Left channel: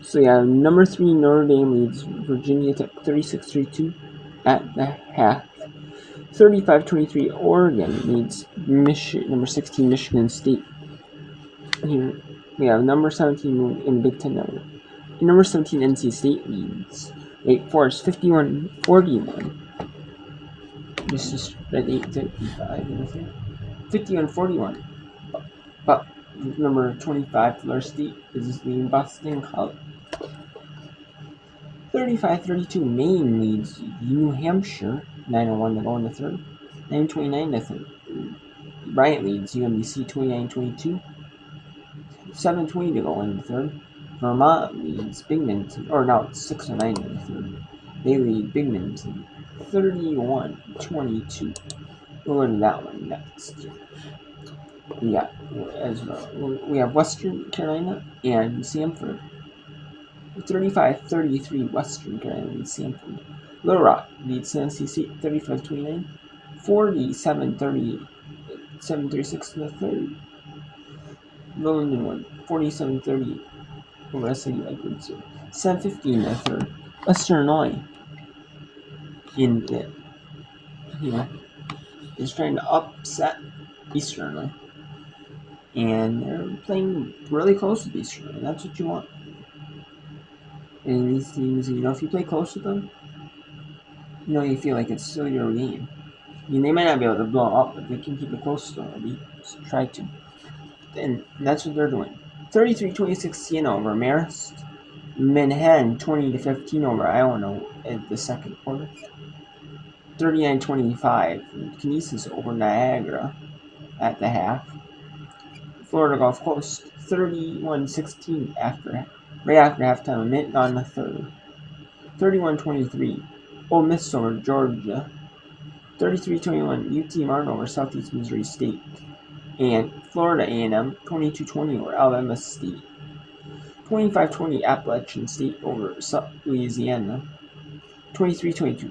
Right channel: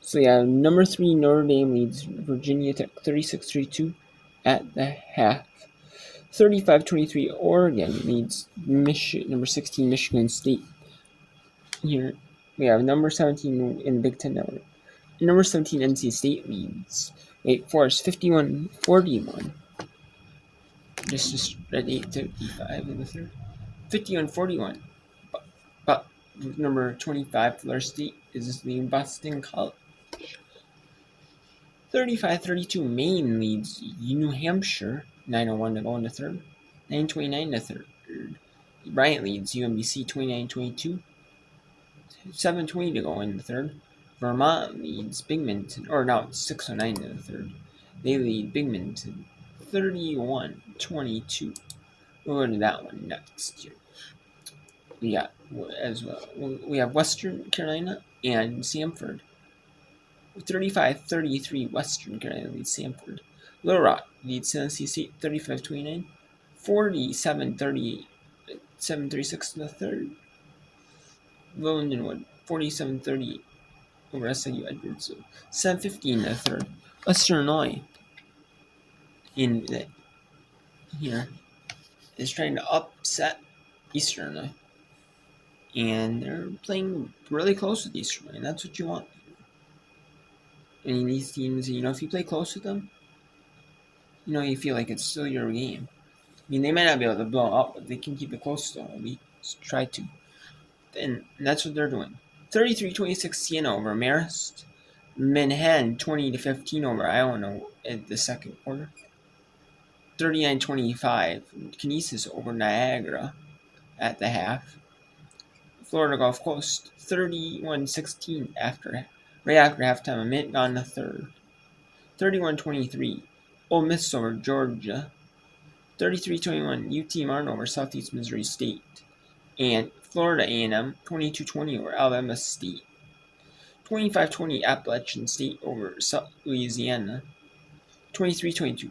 So yeah, number 3 Notre Dame leads Virginia Tech 36-32 at the half. 35-23 Oregon leads number 16 Michigan State. Here we have number 17 in Big Ten Network. Number 17 NC State leads Wake Forest 51-41. This is at 8:55 in the third. 51-41. But number 25 Florida State is leading Boston College. 35-32 Maine leads New Hampshire. 9:01 to go in the third. 9:29 the third. Bryant leads UMBC 29-22. 7:20 to go in the third. Vermont leads Binghamton, or no, it's 6:09 in the third. They lead Binghamton 31-22. We'll go to that one next. Yeah, as well. We have Western Carolina and Samford. 35-33 Western Carolina leads Samford. Little Rock leads Tennessee State 35-29. 47-38, 7:36 in the third. Lindenwood 47-38 over SIU Edwardsville. 7:50 in the third. Western Illinois in the, is trying to upset Eastern Illinois. And they're playing really close with Eastern Illinois. That's what you want. And these teams, if you play close with them, you feel like it's still your game. I mean, they might not be able to blow up, but they can keep it close to at least try to. And that's what they're doing. 33-26 Siena over Marist. Manhattan 20-15 over Iowa at the second quarter. 39-25 Kinesis over Niagara at the half. Florida Gulf Coast 31-16 right after halftime, a minute gone in the third. 31-23 Ole Miss over Georgia. 33-21 UT Martin over Southeast Missouri State. And Florida A&M 22-20 over Alabama State. 25-20 Appalachian State over South Louisiana. 23-22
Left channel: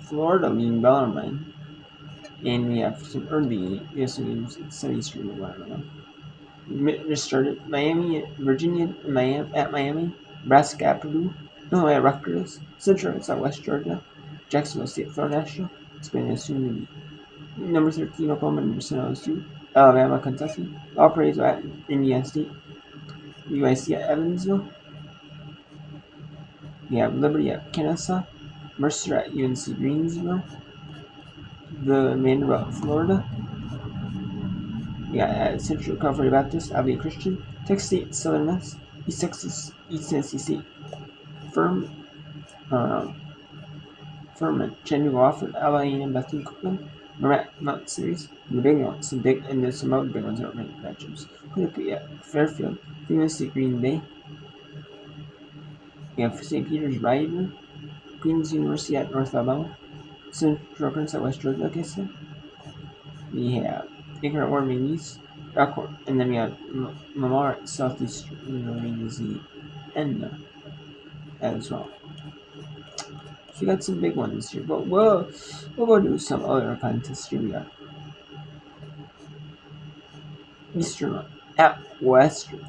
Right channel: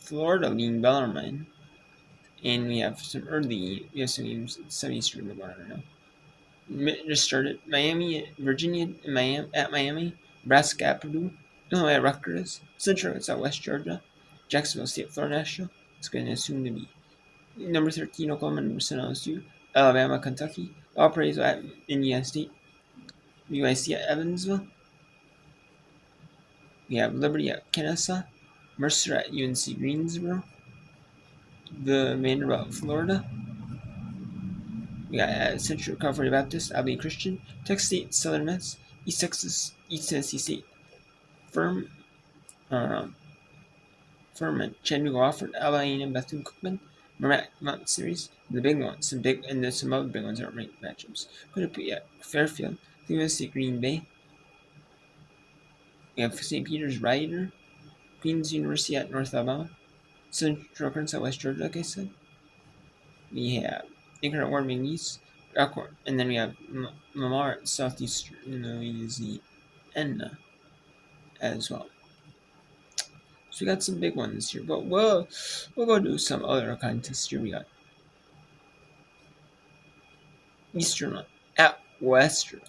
Florida leading Bellarmine. And we have some games at 7 Eastern right now. Just started Virginia at Miami, Nebraska at Purdue, Illinois at Rutgers, Central at Southwest Georgia, Jacksonville State, Florida National. It's going to assume to be number 13 Oklahoma, number 7 LSU, Alabama, Kentucky, Valparaiso at Indiana State, UIC at Evansville. We have Liberty at Kennesaw, Mercer at UNC Greensboro, the Vanderbilt, Florida. We got Central California Baptist, Abilene Christian, Texas State, Southern Miss, East Texas, East Tennessee State, Furman, Chattanooga, Wofford, A&M, Bethune Cookman, Mount Series, the big ones, some other big ones that are ranked matchups. Fairfield, University of Green Bay. We have St. Peter's Rider, Queens University at North Alabama, Central Arkansas, West Georgia, like I said. We have Akron at Warren East, and then we have Lamar at Southeastern Louisiana as well. So we got some big ones here, but we'll go do some other contests here. We got Eastern at Western.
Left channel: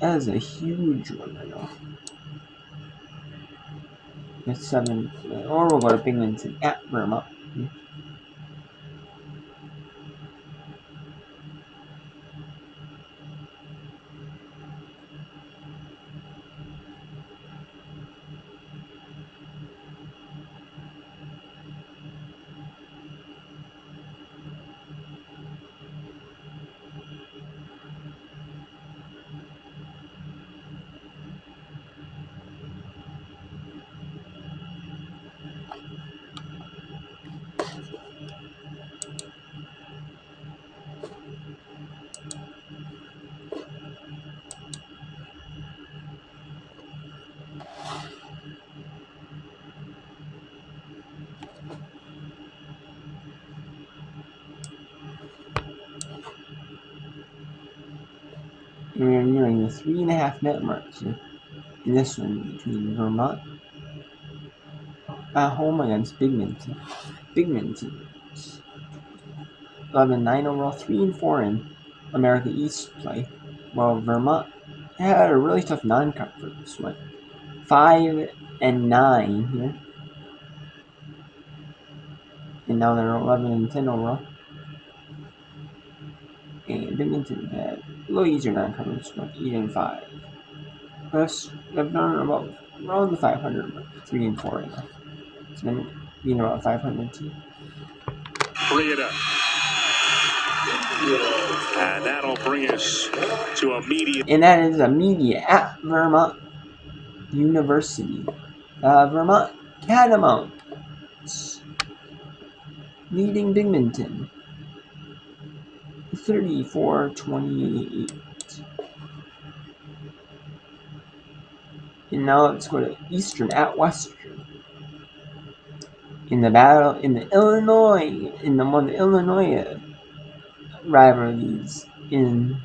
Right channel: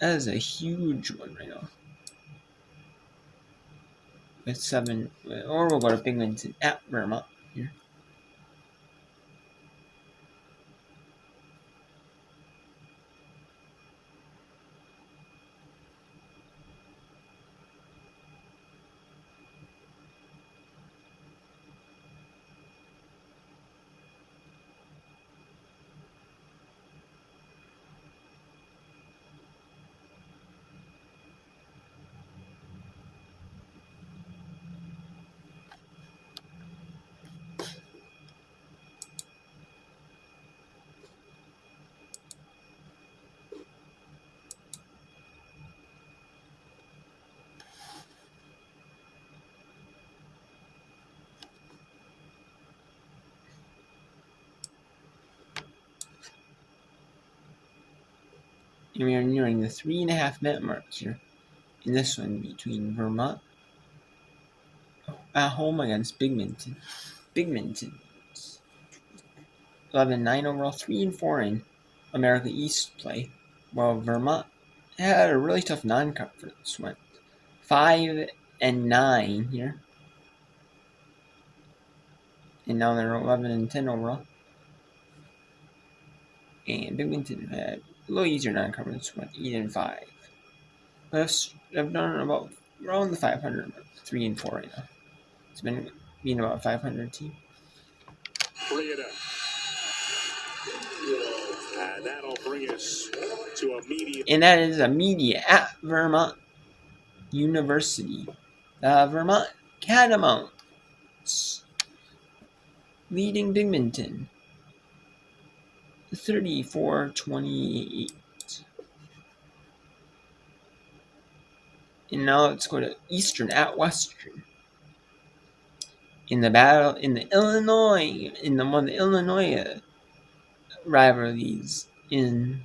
That is a huge one right now. With 7, or we'll go to Binghamton at Vermont here. And we are nearing the 3.5 minute mark here in this one between Vermont at home against Binghamton. 11-9 overall, 3-4 in America East play, while Vermont had a really tough non-conference. Went 5-9 here, and now they're 11-10 overall. And Binghamton had a little easier non-conference. Went 8-5. But I've done about around the 500, 3-4 right now. It's been being about 500 team. Bring it up. And that'll bring us to a media. And that is a media at Vermont University. Vermont Catamounts leading Binghamton 34-28. And now let's go to Eastern at Western. In the battle in the Illinois rivalries in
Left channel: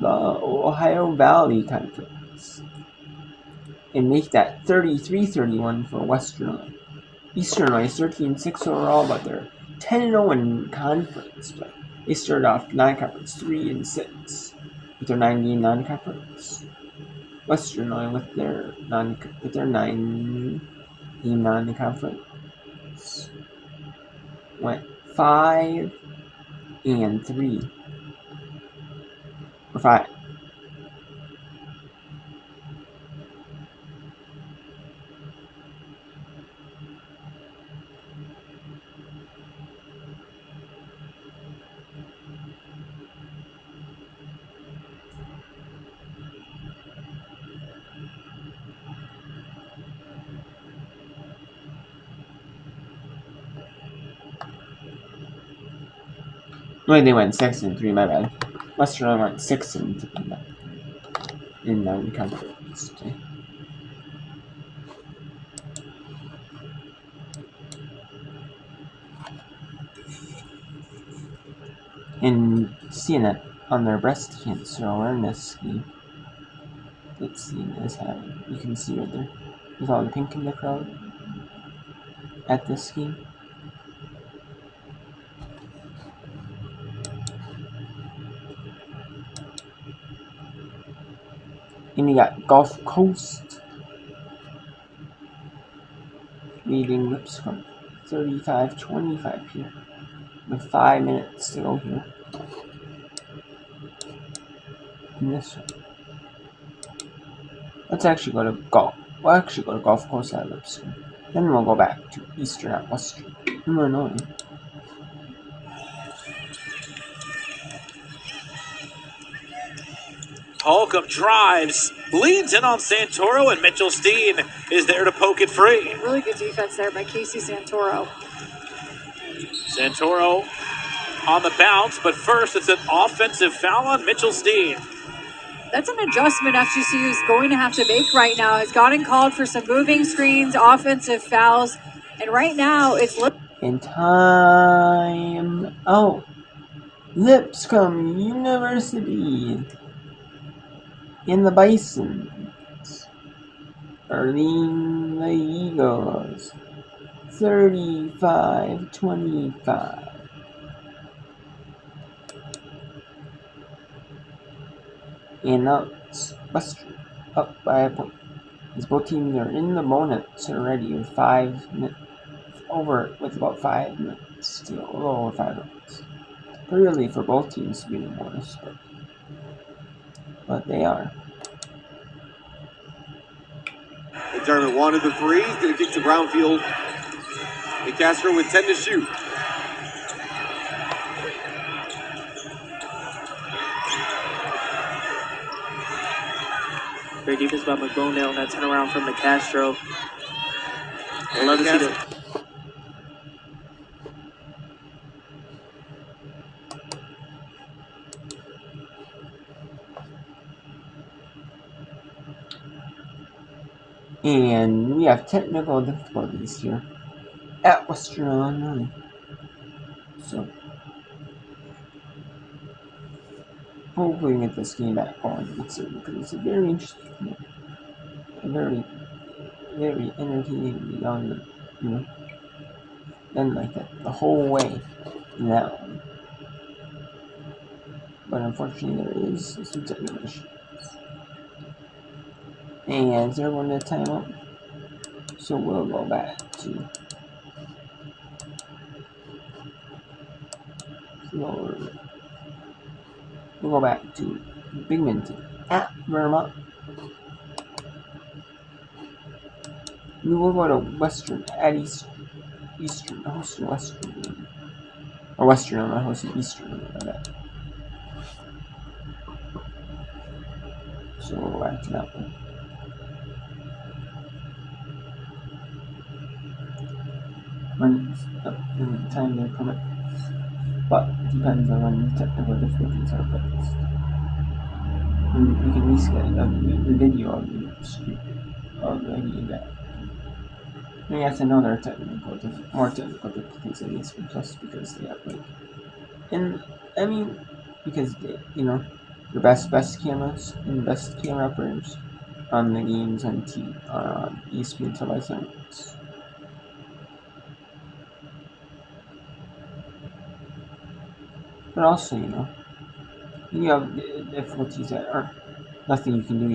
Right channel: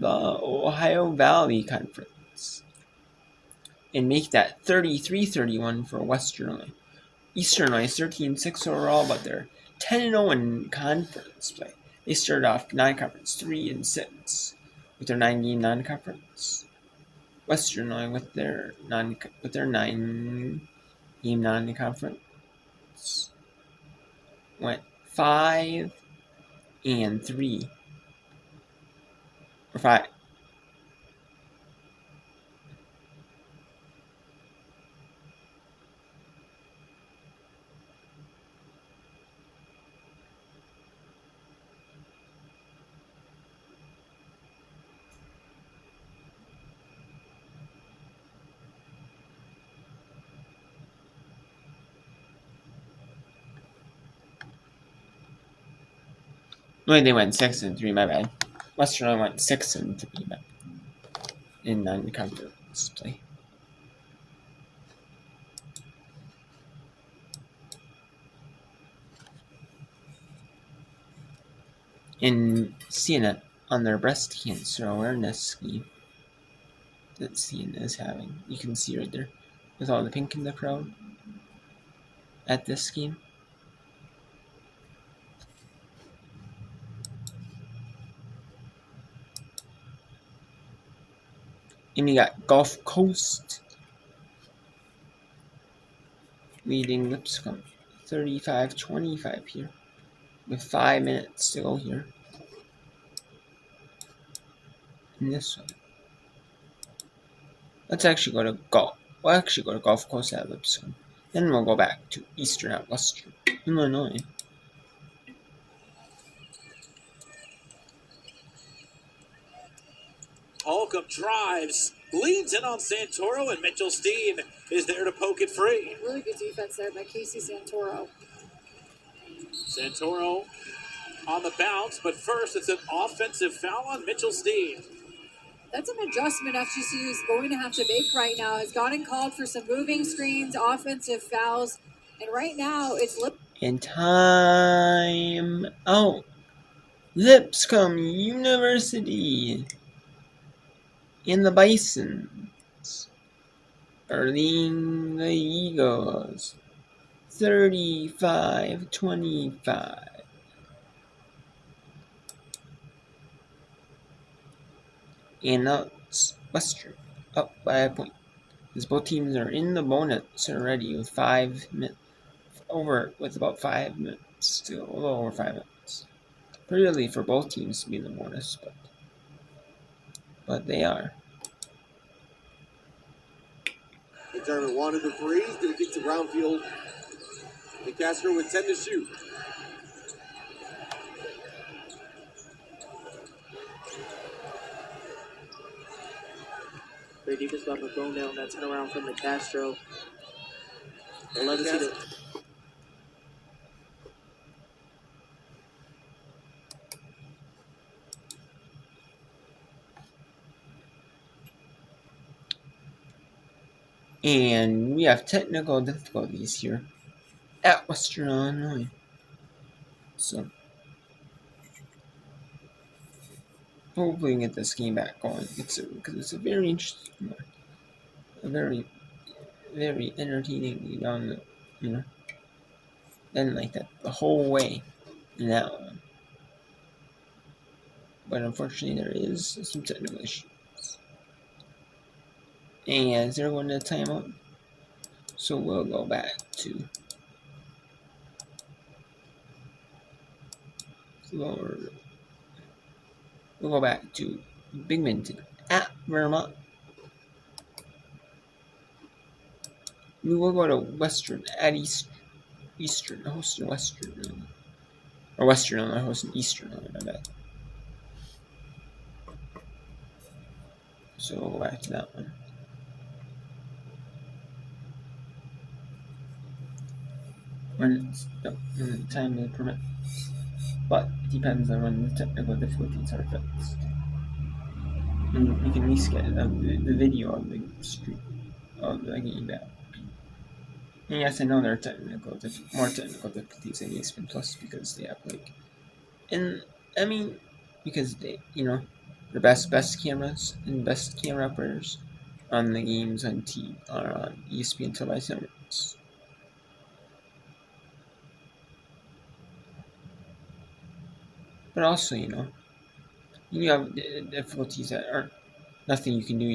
the Ohio Valley Conference, and make that 33-31 for Western Illinois. Eastern Illinois is 13-6 overall, but they're 10-0 in conference play. They started off non-conference 3-6 with their 9-game non-conference. Western Illinois with their 9-game non-conference went 5-3 or 5. No, they went 6-3. My bad. Western Illinois went 6-3 in non-conference play. And CNN on their breast cancer awareness scheme that CNN is having. You can see right there with all the pink in the crowd at this scheme. And we got Gulf Coast leading Lipscomb 35-25 here with 5 minutes to go here in this one. Let's actually go to Gulf. We'll actually go to Gulf Coast at Lipscomb. Then we'll go back to Eastern at Western Illinois. Holcomb drives, leads in on Santoro, and Mitchell Steen is there to poke it free. Really good defense there by Casey Santoro. Santoro on the bounce, but first it's an offensive foul on Mitchell Steen. That's an adjustment FGC is going to have to make right now. Has gotten called for some moving screens, offensive fouls, and right now it's... And time out. Lipscomb University in the Bisons are leading the Eagles 35-25. And now it's Western up by a point, as both teams are in the bonus already with 5 minutes with about 5 minutes to go, a little over 5 minutes. Pretty early for both teams to be in the bonus, but they are. McDermott wanted the three, did kick to Brownfield. And Castro with 10 to shoot. Great defense by McBone there on that turnaround from the Castro. I love to see that. And we have technical difficulties here at Western Illinois. So hopefully we can get this game back going. Because it's a very interesting game. A very, very entertaining game on the, done like that the whole way in that one. but unfortunately there is some technical issues. And they're going to timeout. So we'll go back to floor. We'll go back to Bigminton at Vermont. We will go to Western at Eastern, hosting Western. Or Western, I'm not hosting Eastern, my bad. So we'll go back to that one. When it's in the time they permit. But it depends on when the technical difficulties are fixed. And we can reschedule the video of the stream of the game back. And yes, I know there are more technical difficulties in ESPN Plus because they have and I mean, because they, the best cameras and best camera operators on the games are on ESPN televised networks. But also, you have difficulties that are nothing you can do,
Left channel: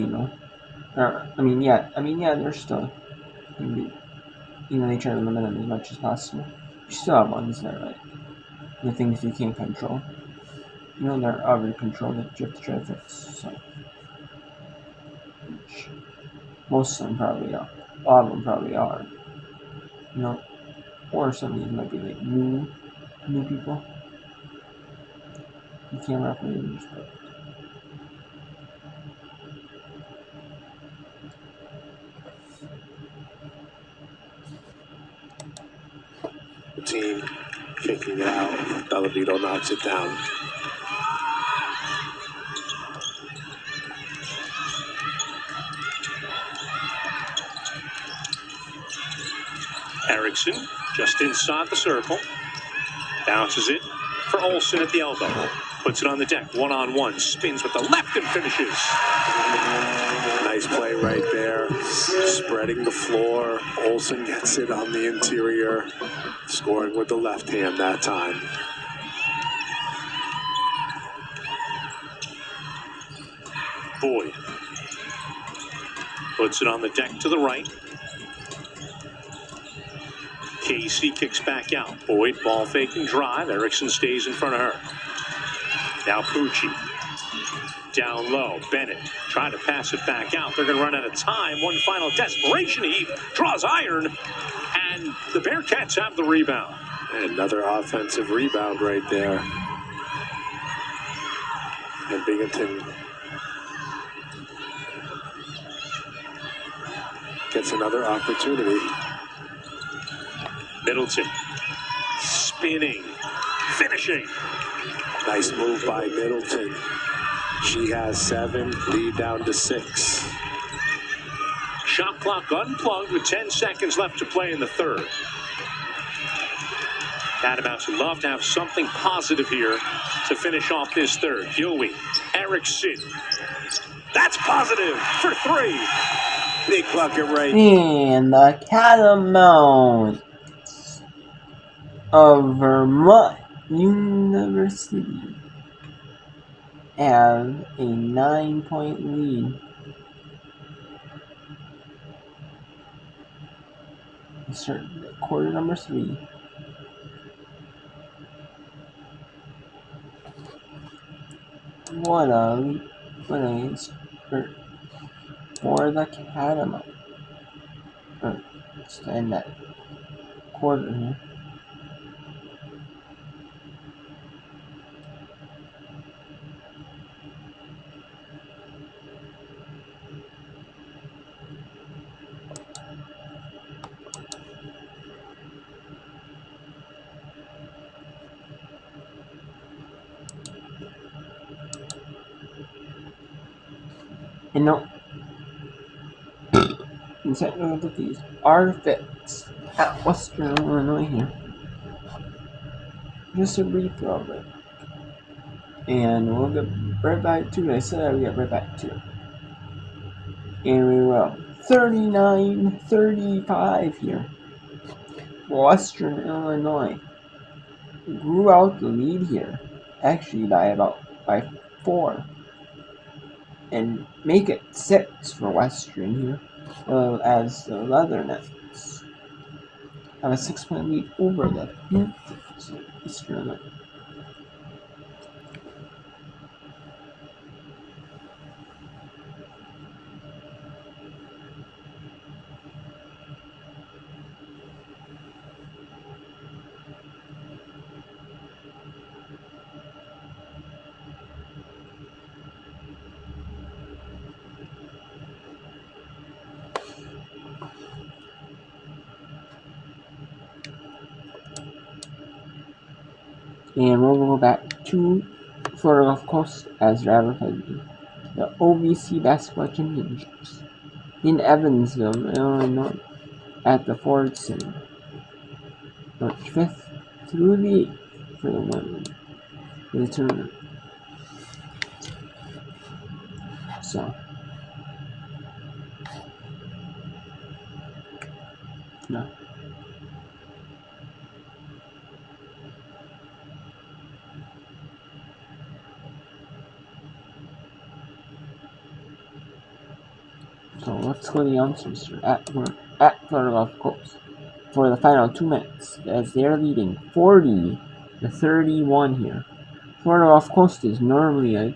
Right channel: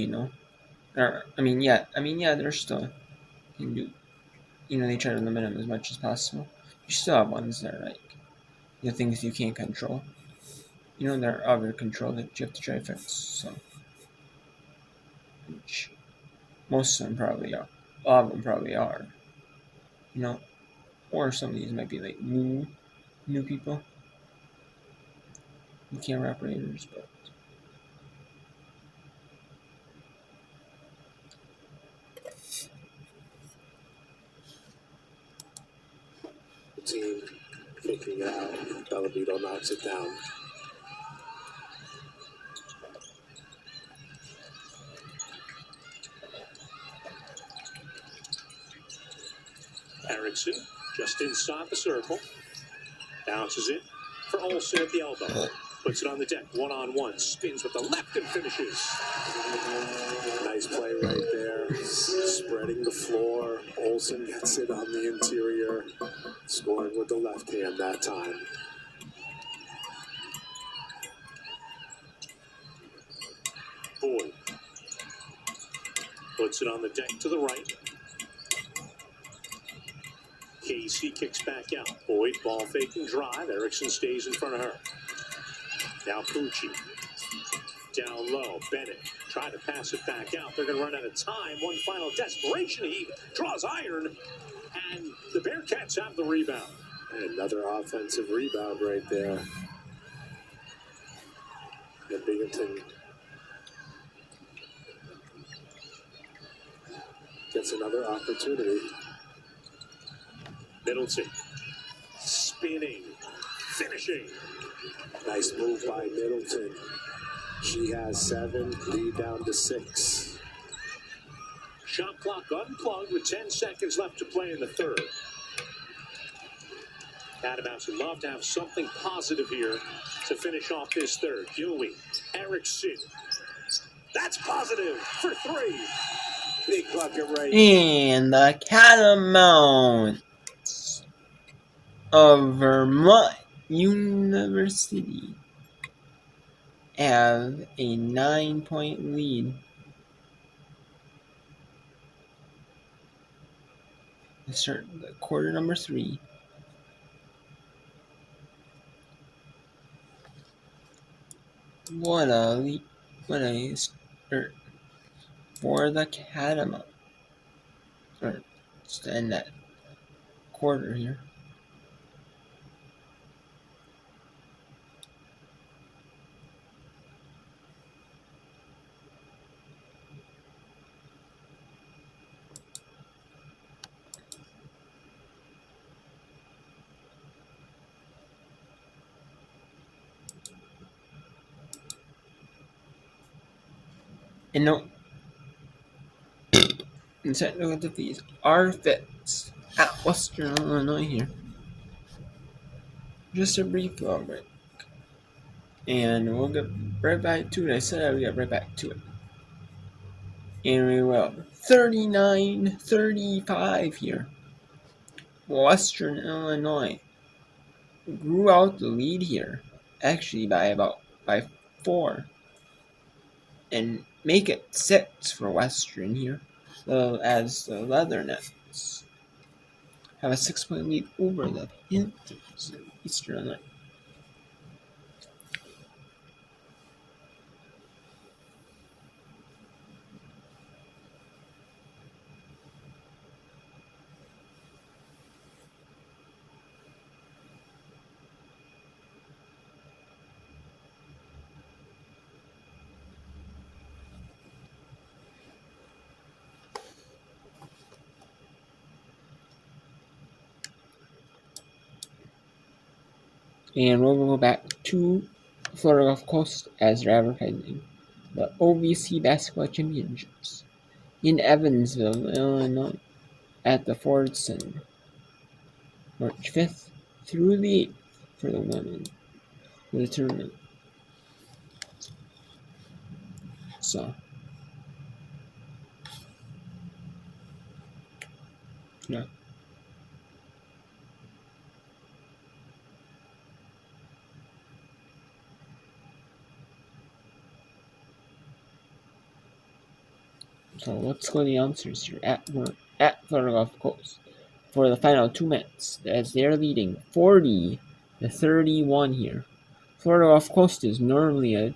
there's still, you can do, they try to limit them as much as possible. You still have ones that are like, the things you can't control. There are other control that you have to try to fix, so. Which most of them probably are. A lot of them probably are. Or some of these might be like new people. The camera operators, but. The team kicking it out. Delavito knocks it down. Erickson just inside the circle. Bounces it for Olsen at the elbow. Puts it on the deck, one-on-one. Spins with the left and finishes. Nice play right there. Spreading the floor. Olsen gets it on the interior. Scoring with the left hand that time. Boyd. Puts it on the deck to the right. Casey kicks back out. Boyd, ball faking drive. Erickson stays in front of her. Now Pucci. Down low. Bennett trying to pass it back out. They're going to run out of time. One final desperation heat. Draws iron. And the Bearcats have the rebound. Another offensive rebound right there. And Binghamton gets another opportunity. Middleton. Spinning. Finishing. Nice move by Middleton. She has 7, lead down to 6. Shot clock unplugged with 10 seconds left to play in the third. Catamounts would love to have something positive here to finish off this third. Gilwey, Erickson. That's positive for 3. Big bucket right. And the Catamounts of Vermont University have a 9-point lead. Start quarter number 3. What a start for the Catamount. Or just to end that quarter here. And no, and technical difficulties are fixed at Western Illinois here. Just a brief break. And we'll get right back to it. I said I would get right back to it. And we will. 39-35 here. Western Illinois grew out the lead here. Actually by 4 and make it 6 for Western here, as the Leathernecks have a 6-point lead over the Panthers. Eastern. And we'll go back to Florida Gulf Coast as they're advertising the OVC Basketball Championships in Evansville, Illinois, at the Ford Center, March 5th through the 8th for the women for the tournament. So, yeah. So let's go to the answers here at Florida Gulf Coast for the final 2 minutes as they're leading 40-31 here. Florida Gulf Coast is normally a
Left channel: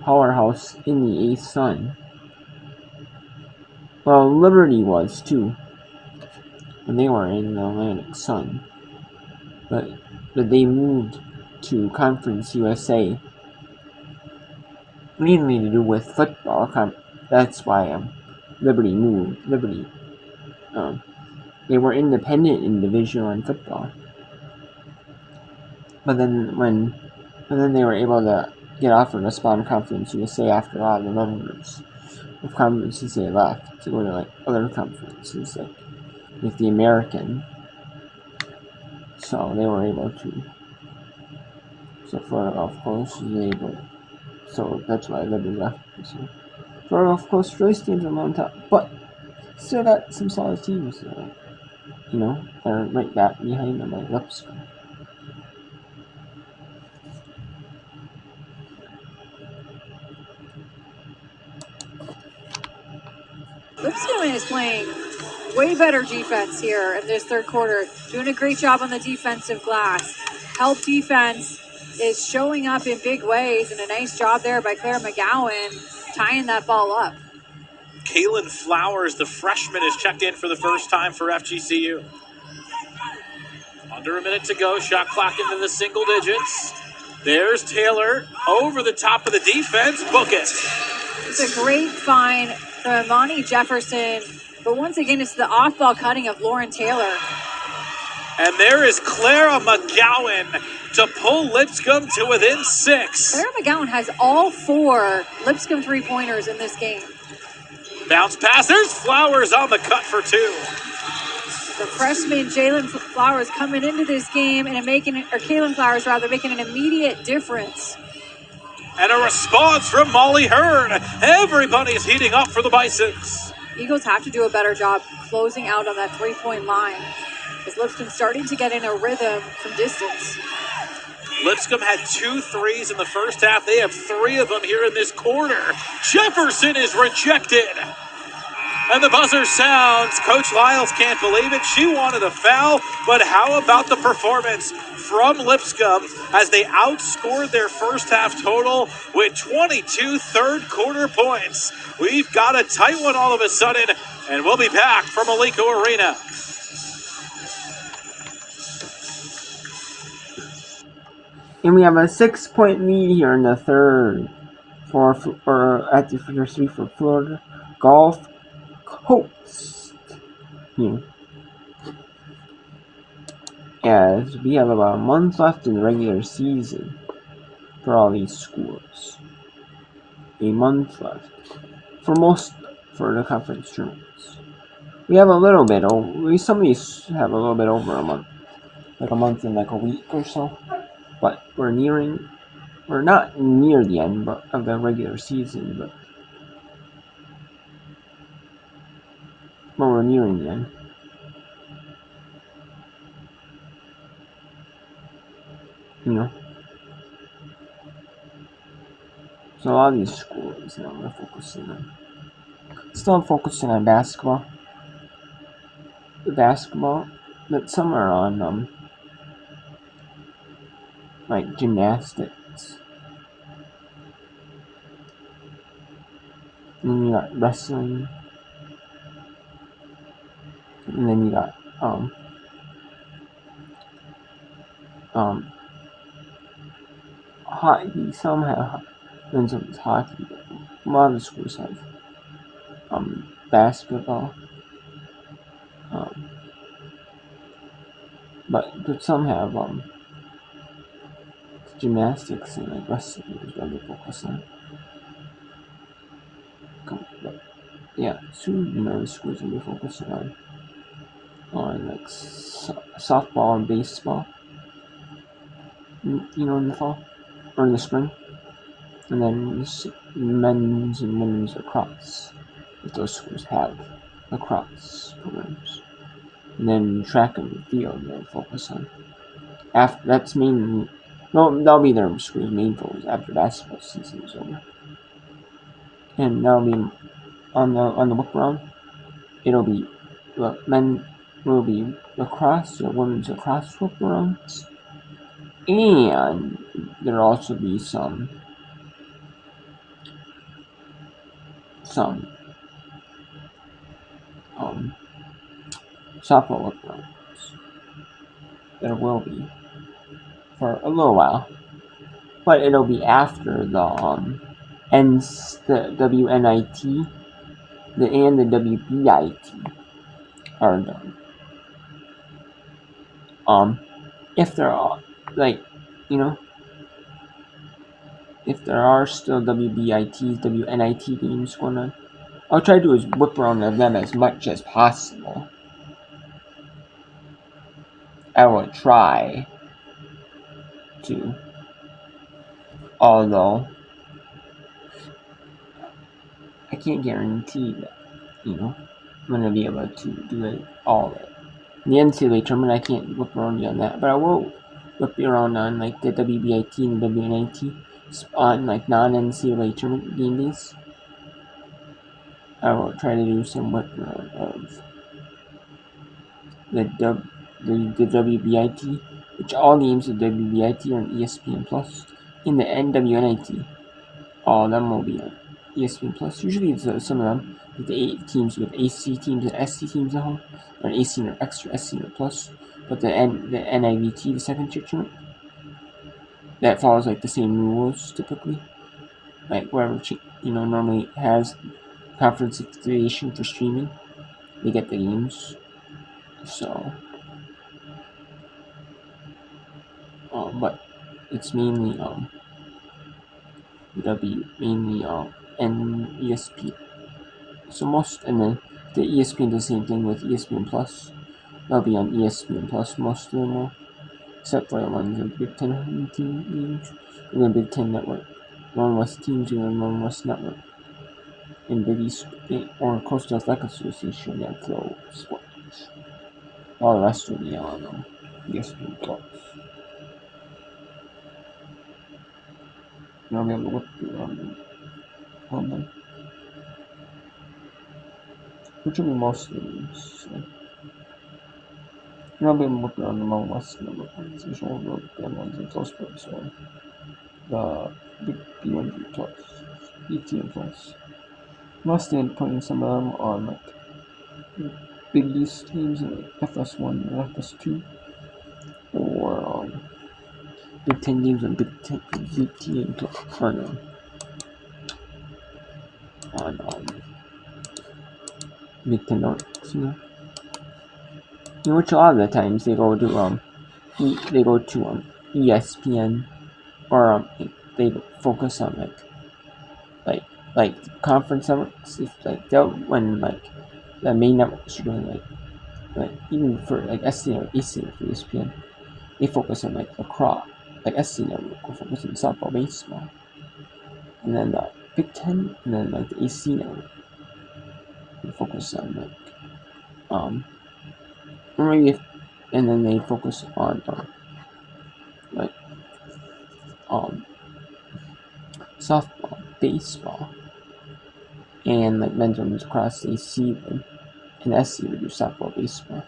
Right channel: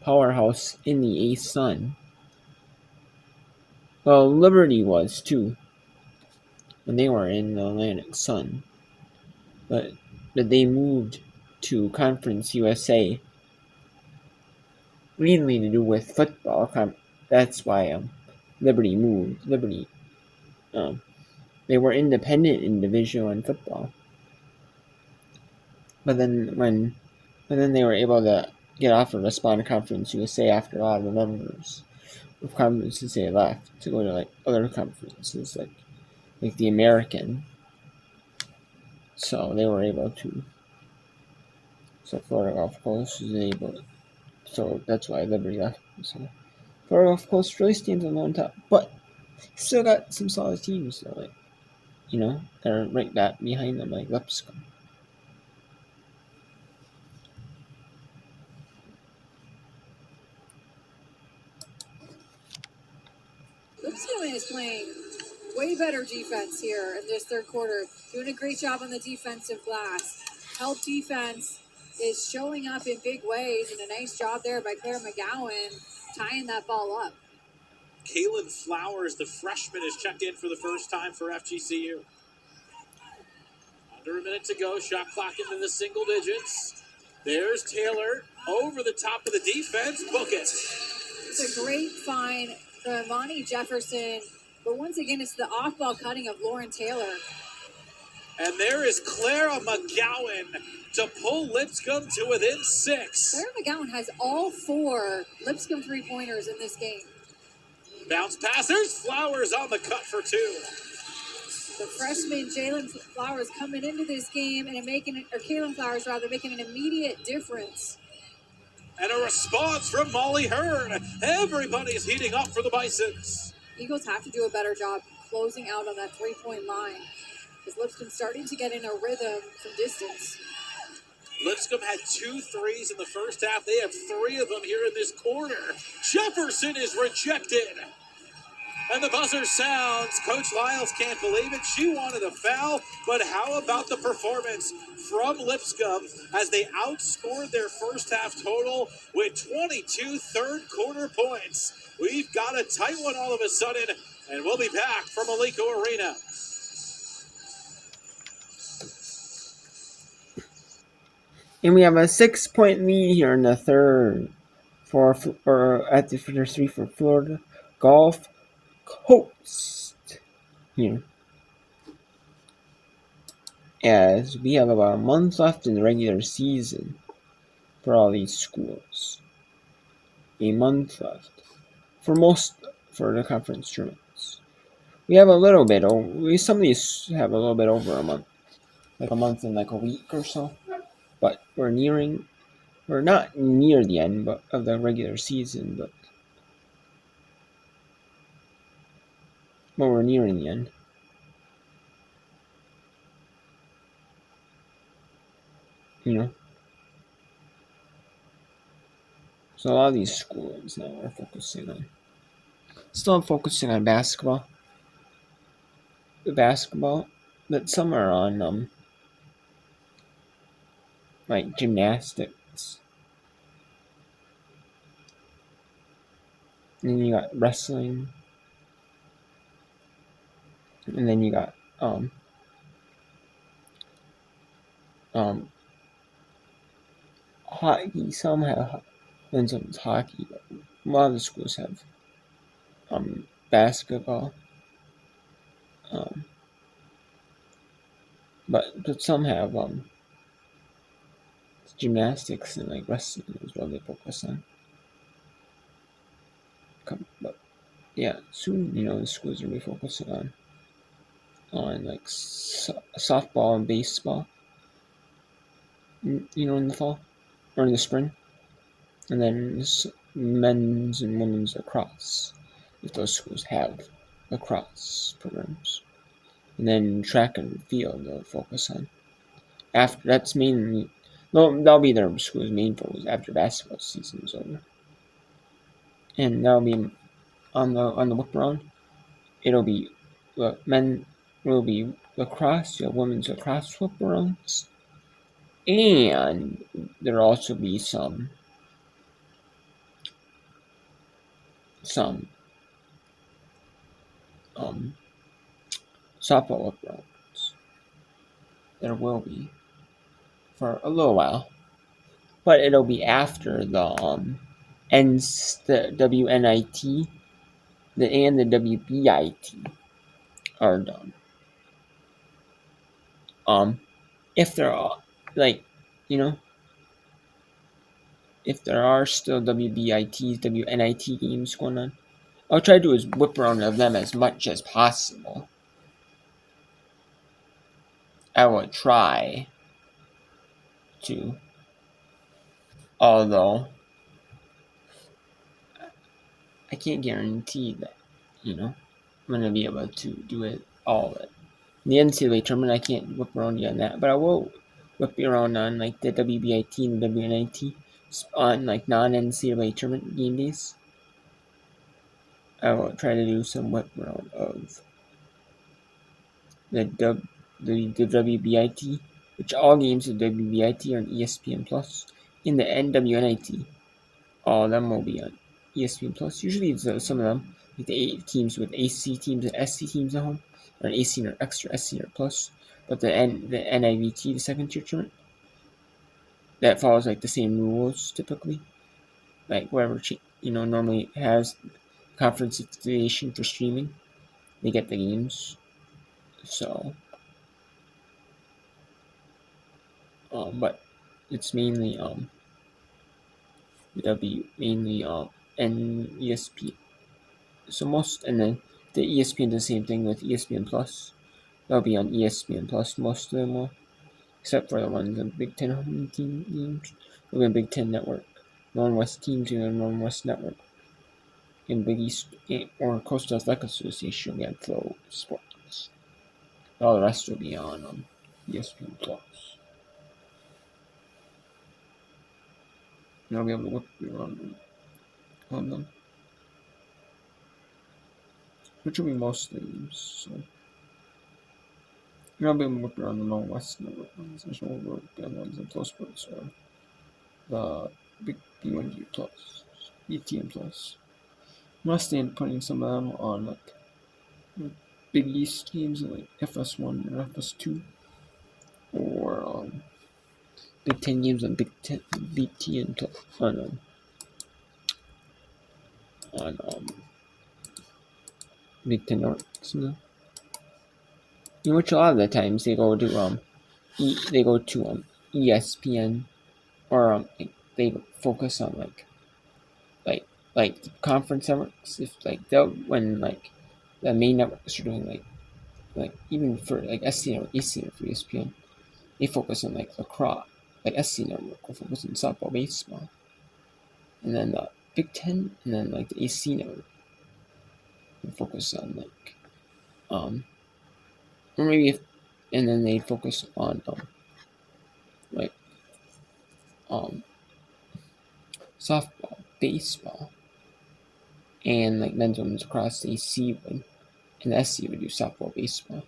powerhouse in the A-Sun. Well, Liberty was too when they were in the Atlantic Sun, but they moved to Conference USA mainly to do with football. That's why Liberty moved. They were independent in Division I football, but then they were able to get offered a spot in Conference USA after a lot of the members of Conference USA left to go to other conferences like the American. So they were able to. So Florida Gulf Coast was able to. So that's why Liberty left. So Florida Gulf Coast really stands alone top, but still got some solid teams. So they're right back behind them, like Lipscomb. Lipscomb is playing way better defense here in this third quarter. Doing a great job on the defensive glass. Help defense is showing up in big ways, and a nice job there by Claire McGowan tying that ball up. Kaylin Flowers, the freshman, is checked in for the first time for FGCU. Under a minute to go. Shot clock into the single digits. There's Taylor over the top of the defense. Book it. It's a great find from Imani Jefferson, but once again, it's the off-ball cutting of Lauren Taylor. And there is Clara McGowan to pull Lipscomb to within 6. Clara McGowan has all 4 Lipscomb three-pointers in this game. Bounce pass. There's Flowers on the cut for 2. The freshman Jalen Flowers coming into this game and Kaylin Flowers making an immediate difference. And a response from Molly Hearn. Everybody's heating up for the Bisons. Eagles have to do a better job closing out on that three-point line, as Lipscomb starting to get in a rhythm from distance. Lipscomb had 2 threes in the first half. They have 3 of them here in this quarter. Jefferson is rejected. And the buzzer sounds. Coach Lyles can't believe it. She wanted a foul, but how about the performance from Lipscomb as they outscored their first half total with 22 third quarter points. We've got a tight one all of a sudden, and we'll be back from Alico Arena. And we have a 6-point lead here in the third at the first 3 for Florida Gulf Coast here. As we have about a month left in the regular season for all these schools. A month left for the conference tournaments. We have a little bit some of these have a little bit over a month. Like a month and like a week or so. But we're not near the end of the regular season, but we're nearing the end. So a lot of these schools now are focusing on, still focusing on basketball. The basketball, but some are on like gymnastics. And then you got wrestling. And then you got hockey. Some have men's hockey. But a lot of the schools have basketball. But some have gymnastics and like wrestling is what they focus on. But yeah, soon the schools will be focusing on like softball and baseball. In the fall or in the spring, and then men's and women's lacrosse. If those schools have lacrosse programs, and then track and field they'll focus on. After that's mainly, that'll be their school's main focus after basketball season is over, and that'll be on the book round. It'll be men will be lacrosse, women's lacrosse book rounds, and there'll also be some softball book rounds. There will be for a little while, but it'll be after the WNIT and the WBIT are done. If there are if there are still WBITs, WNIT games going on, I'll try to do is whip around them as much as possible. I will try to, although I can't guarantee that I'm gonna be able to do it all of it. In the NCAA tournament, I can't whip around you on that, but I will whip you around on like the WBIT and WNIT on like non-NCAA tournament game days. I will try to do some whip around of the WBIT, which all games of WBIT are on ESPN Plus. In the NWNIT, all of them will be on ESPN Plus. Usually, it's some of them, like the 8 teams with AC teams and SC teams at home, or AC or extra, SC or plus. But the NIVT, the second tier tournament, that follows like the same rules typically. Like whoever normally has conference affiliation for streaming, they get the games. So, but it's mainly mainly ESP. So and then the ESPN does the same thing with ESPN Plus. That'll be on ESPN Plus most of them will, except for the ones in Big Ten home team games. It'll be a Big Ten network. Northern West teams in the Northern West network. In Big East or Coastal Athletic Association, we have Flow Sports. All the rest will be on ESPN Plus. You'll be able to look on them, which will be most of them. So. I've been working on the Mountain West network ones. There's one of the ones in Flow Sports one. The Big B1G Plus, BTN Plus. Mostly I'm putting some of them on like Big East games like FS1 or FS2, or Big Ten games on BTN Plus on Big Ten Nordics. In which a lot of the times they go to ESPN, or they focus on like conference networks. If they'll when the main networks are doing like even for like SC or AC for ESPN, they focus on lacrosse. Like SC network will focus on softball, baseball, and then the Big Ten, and then the AC network will focus on or maybe and then they focus on softball. baseball, and like men's women's lacrosse, AC would, and SC would do softball, baseball.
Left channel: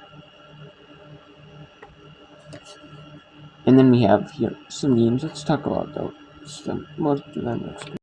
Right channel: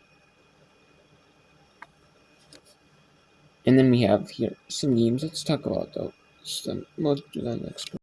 And then we have here some games. Let's talk about those. We'll do that next.